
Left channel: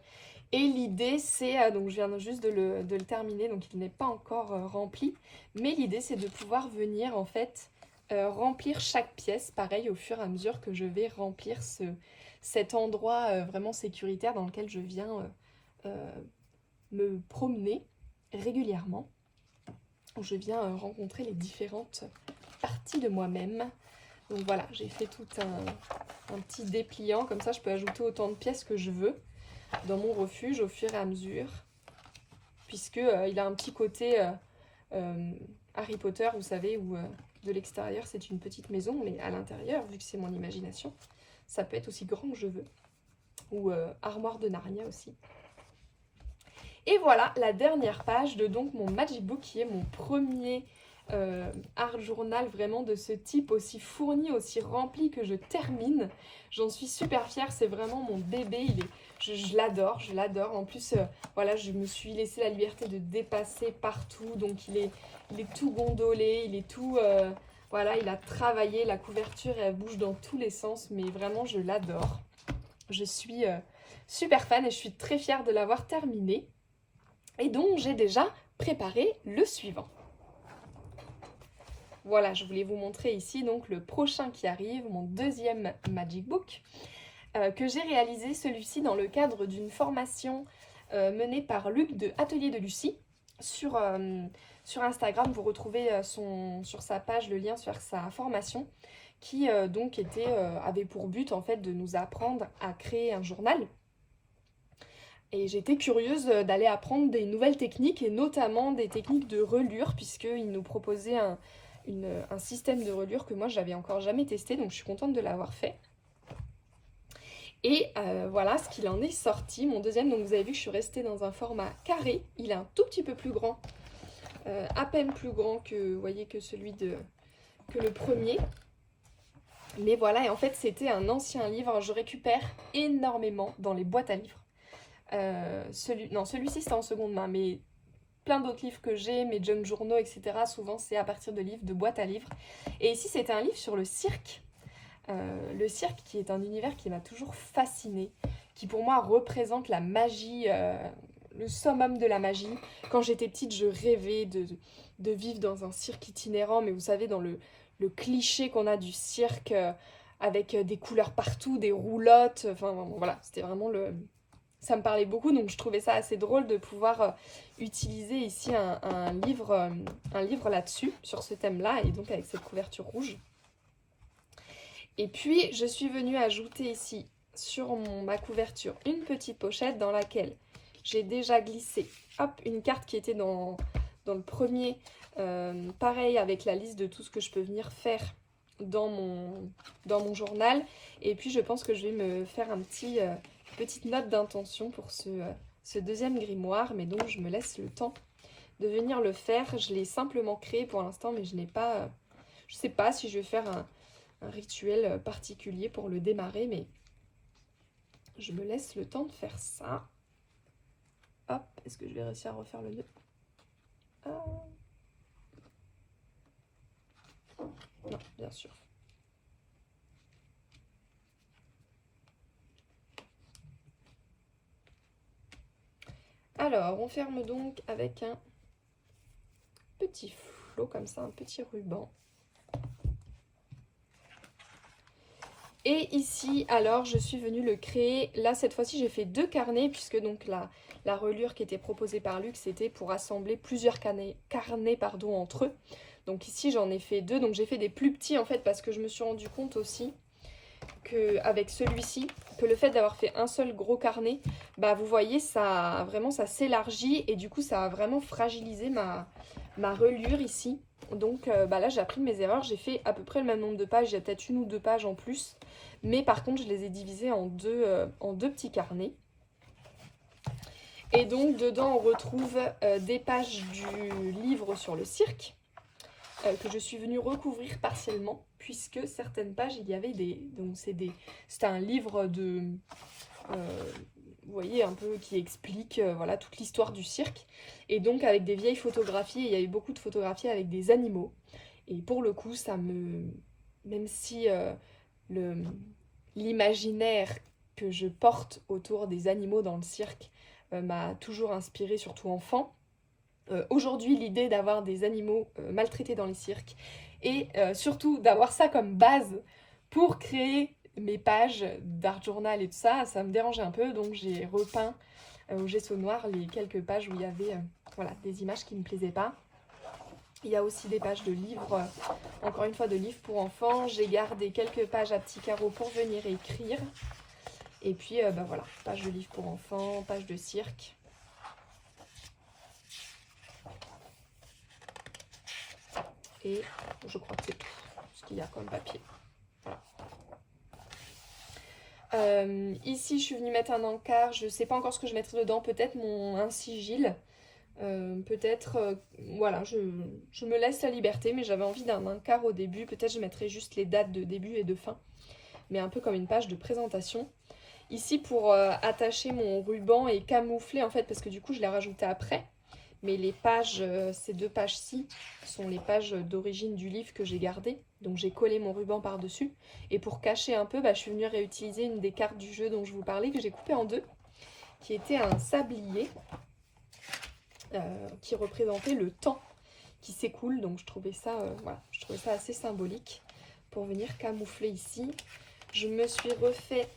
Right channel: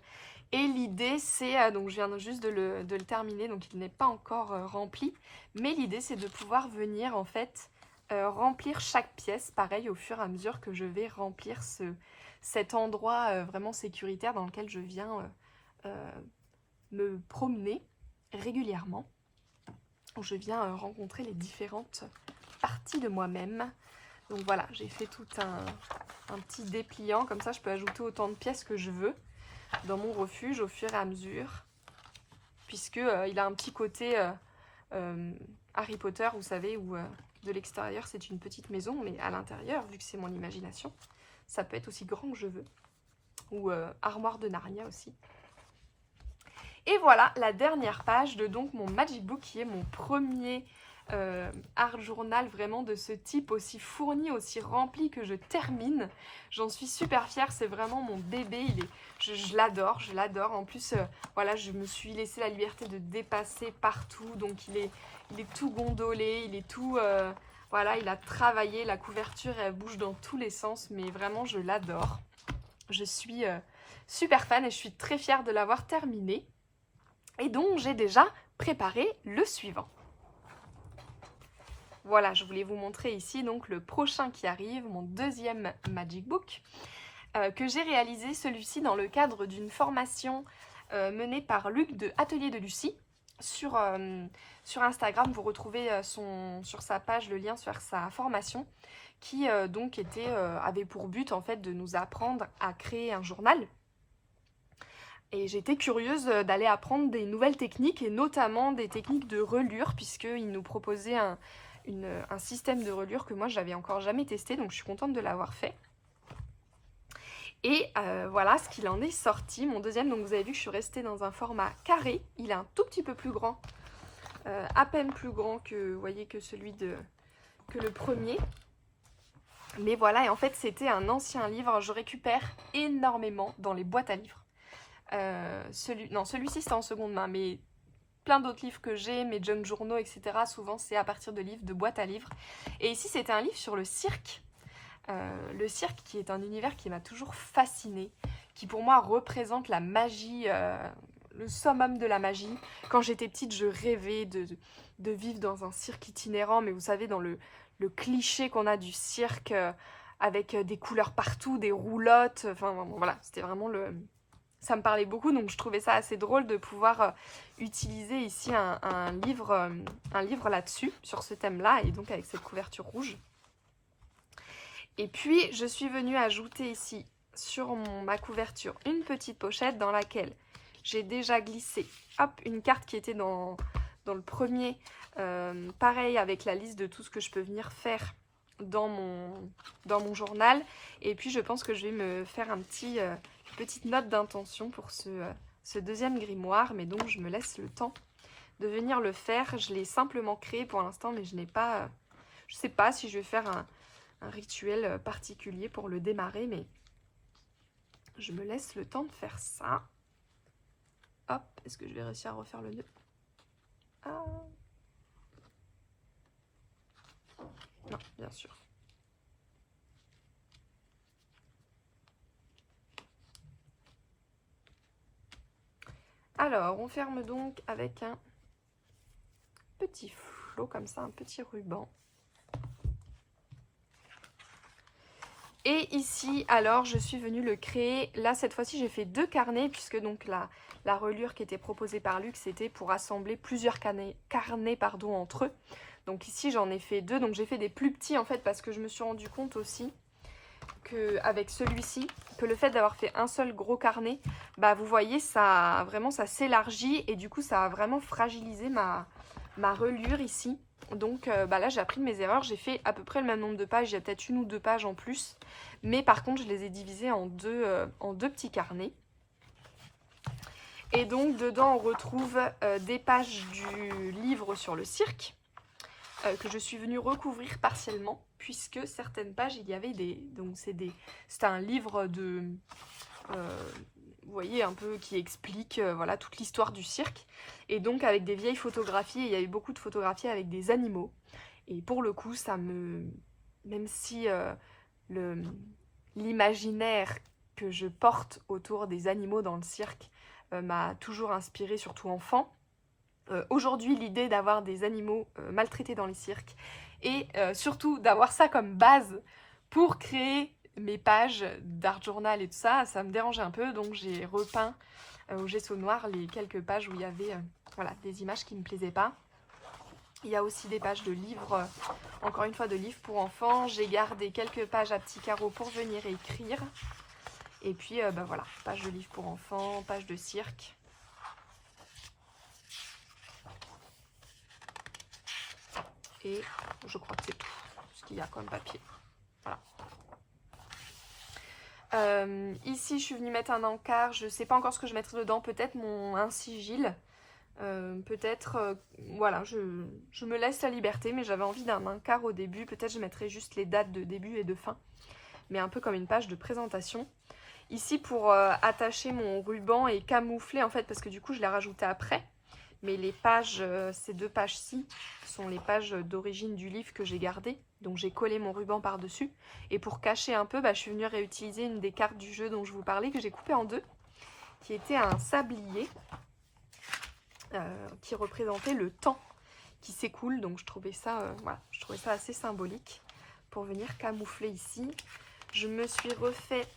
Et l'idée, c'est, donc je viens juste de le terminer, donc il n'est pas encore rempli. Mais l'idée, c'est de pouvoir venir, en fait, remplir chaque pièce, pareil, au fur et à mesure que je vais remplir cet endroit vraiment sécuritaire dans lequel je viens me promener régulièrement. Où je viens rencontrer les différentes parties de moi-même. Donc voilà, j'ai fait tout un petit dépliant, comme ça je peux ajouter autant de pièces que je veux dans mon refuge au fur et à mesure, puisque il a un petit côté Harry Potter, vous savez, où de l'extérieur c'est une petite maison, mais à l'intérieur, vu que c'est mon imagination, ça peut être aussi grand que je veux, ou armoire de Narnia aussi. Et voilà la dernière page de donc mon Magic Book, qui est mon premier art journal vraiment de ce type, aussi fourni, aussi rempli, que je termine. J'en suis super fière, c'est vraiment mon bébé, je l'adore, je l'adore. En plus, voilà, je me suis laissé la liberté de dépasser partout, donc il est tout gondolé, il est tout... Voilà, il a travaillé, la couverture, elle bouge dans tous les sens, mais vraiment, je l'adore. Je suis super fan et je suis très fière de l'avoir terminé. Et donc, j'ai déjà préparé le suivant. Voilà, je voulais vous montrer ici donc le prochain qui arrive, mon deuxième Magic Book, que j'ai réalisé celui-ci dans le cadre d'une formation menée par Luc de Atelier de Lucie. Sur Instagram, vous retrouvez sur sa page le lien sur sa formation qui donc avait pour but en fait de nous apprendre à créer un journal. Et j'étais curieuse d'aller apprendre des nouvelles techniques et notamment des techniques de relure puisqu'il nous proposait un système de relure que moi j'avais encore jamais testé, donc je suis contente de l'avoir fait. Et voilà ce qu'il en est sorti, mon deuxième. Donc vous avez vu que je suis restée dans un format carré, il est un tout petit peu plus grand, à peine plus grand que, vous voyez, que le premier. Mais voilà, et en fait c'était un ancien livre, je récupère énormément dans les boîtes à livres. Celui-ci c'était en seconde main, mais plein d'autres livres que j'ai, mes junk journaux, etc. Souvent c'est à partir de livres, de boîtes à livres. Et ici c'était un livre sur le cirque. Le cirque qui est un univers qui m'a toujours fascinée, qui pour moi représente la magie, le summum de la magie. Quand j'étais petite, je rêvais de vivre dans un cirque itinérant, mais vous savez, dans le cliché qu'on a du cirque, avec des couleurs partout, des roulottes, enfin voilà, c'était vraiment ça me parlait beaucoup, donc je trouvais ça assez drôle de pouvoir utiliser ici un livre là-dessus, sur ce thème-là, et donc avec cette couverture rouge. Et puis, je suis venue ajouter ici, sur ma couverture, une petite pochette dans laquelle j'ai déjà glissé une carte qui était dans le premier, pareil avec la liste de tout ce que je peux venir faire dans mon journal. Et puis, je pense que je vais me faire une petite note d'intention pour ce deuxième grimoire, mais donc je me laisse le temps de venir le faire. Je l'ai simplement créé pour l'instant, mais je n'ai pas... je ne sais pas si je vais faire un rituel particulier pour le démarrer, mais je me laisse le temps de faire ça. Hop, est-ce que je vais réussir à refaire le nœud? Non, bien sûr. Alors, on ferme donc avec un petit flot comme ça, un petit ruban. Et ici, alors, je suis venue le créer. Là, cette fois-ci, j'ai fait 2 carnets, puisque donc la relure qui était proposée par Luc, c'était pour assembler plusieurs carnets entre eux. Donc ici, j'en ai fait 2. Donc j'ai fait des plus petits, en fait, parce que je me suis rendu compte aussi qu'avec celui-ci, que le fait d'avoir fait un seul gros carnet, bah vous voyez, ça s'élargit et du coup, ça a vraiment fragilisé ma relure ici. Donc là, j'ai appris de mes erreurs. J'ai fait à peu près le même nombre de pages. Il y a peut-être 1 ou 2 pages en plus. Mais par contre, je les ai divisées en deux petits carnets. Et donc, dedans, on retrouve des pages du livre sur le cirque, que je suis venue recouvrir partiellement, puisque certaines pages, il y avait donc c'était un livre vous voyez, un peu qui explique voilà, toute l'histoire du cirque. Et donc avec des vieilles photographies, il y a eu beaucoup de photographies avec des animaux. Et pour le coup, même si l'imaginaire que je porte autour des animaux dans le cirque m'a toujours inspirée, surtout enfant, aujourd'hui, l'idée d'avoir des animaux maltraités dans les cirques et surtout d'avoir ça comme base pour créer mes pages d'art journal et tout ça, ça me dérangeait un peu, donc j'ai repeint au gesso noir les quelques pages où il y avait voilà, des images qui ne me plaisaient pas. Il y a aussi des pages de livres, encore une fois de livres pour enfants. J'ai gardé quelques pages à petits carreaux pour venir écrire. Et puis voilà, page de livres pour enfants, page de cirque. Et je crois que c'est tout ce qu'il y a comme papier. Voilà. Ici, je suis venue mettre un encart. Je ne sais pas encore ce que je mettrai dedans. Peut-être un sigil. Peut-être, voilà, je me laisse la liberté. Mais j'avais envie d'un encart au début. Peut-être je mettrai juste les dates de début et de fin. Mais un peu comme une page de présentation. Ici, pour attacher mon ruban et camoufler, en fait, parce que du coup, je l'ai rajouté après. mais les pages, ces 2 pages-ci, sont les pages d'origine du livre que j'ai gardées. Donc j'ai collé mon ruban par-dessus. Et pour cacher un peu, je suis venue réutiliser une des cartes du jeu dont je vous parlais, que j'ai coupée en 2, qui était un sablier, qui représentait le temps qui s'écoule. Donc je trouvais ça, voilà, je trouvais ça assez symbolique pour venir camoufler ici. Je me suis refait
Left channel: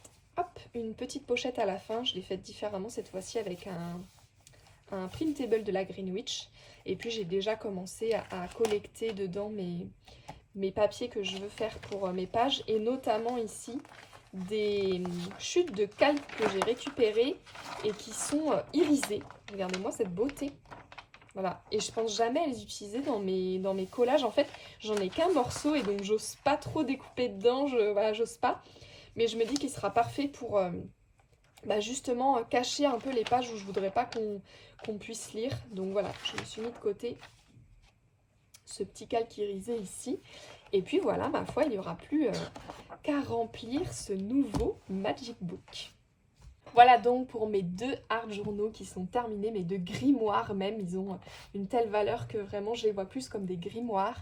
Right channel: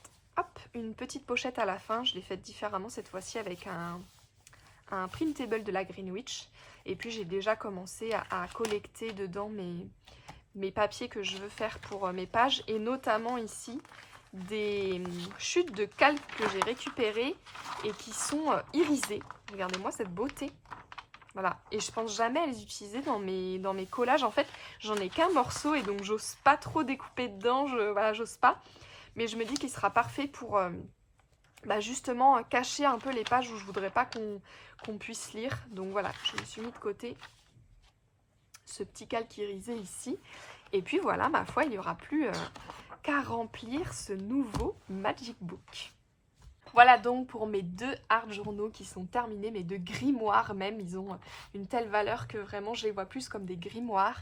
une petite pochette à la fin. Je l'ai faite différemment cette fois-ci avec un printable de la Greenwich. Et puis j'ai déjà commencé à collecter dedans mes papiers que je veux faire pour mes pages. Et notamment ici, des chutes de calque que j'ai récupérées et qui sont irisées. Regardez-moi cette beauté. Voilà, et je pense jamais à les utiliser dans mes collages. En fait, j'en ai qu'un morceau et donc j'ose pas trop découper dedans, voilà, j'ose pas. Mais je me dis qu'il sera parfait pour justement cacher un peu les pages où je voudrais pas qu'on puisse lire. Donc voilà, je me suis mis de côté ce petit calque irisé ici. Et puis voilà, ma foi, il n'y aura plus qu'à remplir ce nouveau Magic Book. Voilà donc pour mes 2 art journaux qui sont terminés, mes 2 grimoires même. Ils ont une telle valeur que vraiment je les vois plus comme des grimoires.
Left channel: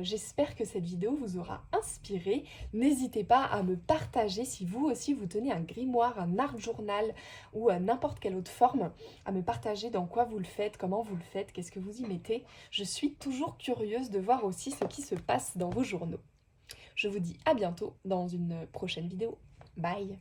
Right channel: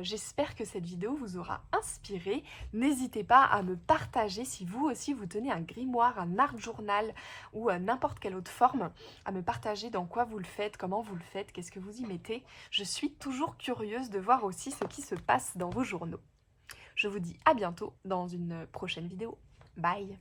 J'espère que cette vidéo vous aura inspiré. N'hésitez pas à me partager si vous aussi vous tenez un grimoire, un art journal ou n'importe quelle autre forme, à me partager dans quoi vous le faites, comment vous le faites, qu'est-ce que vous y mettez. Je suis toujours curieuse de voir aussi ce qui se passe dans vos journaux. Je vous dis à bientôt dans une prochaine vidéo. Bye!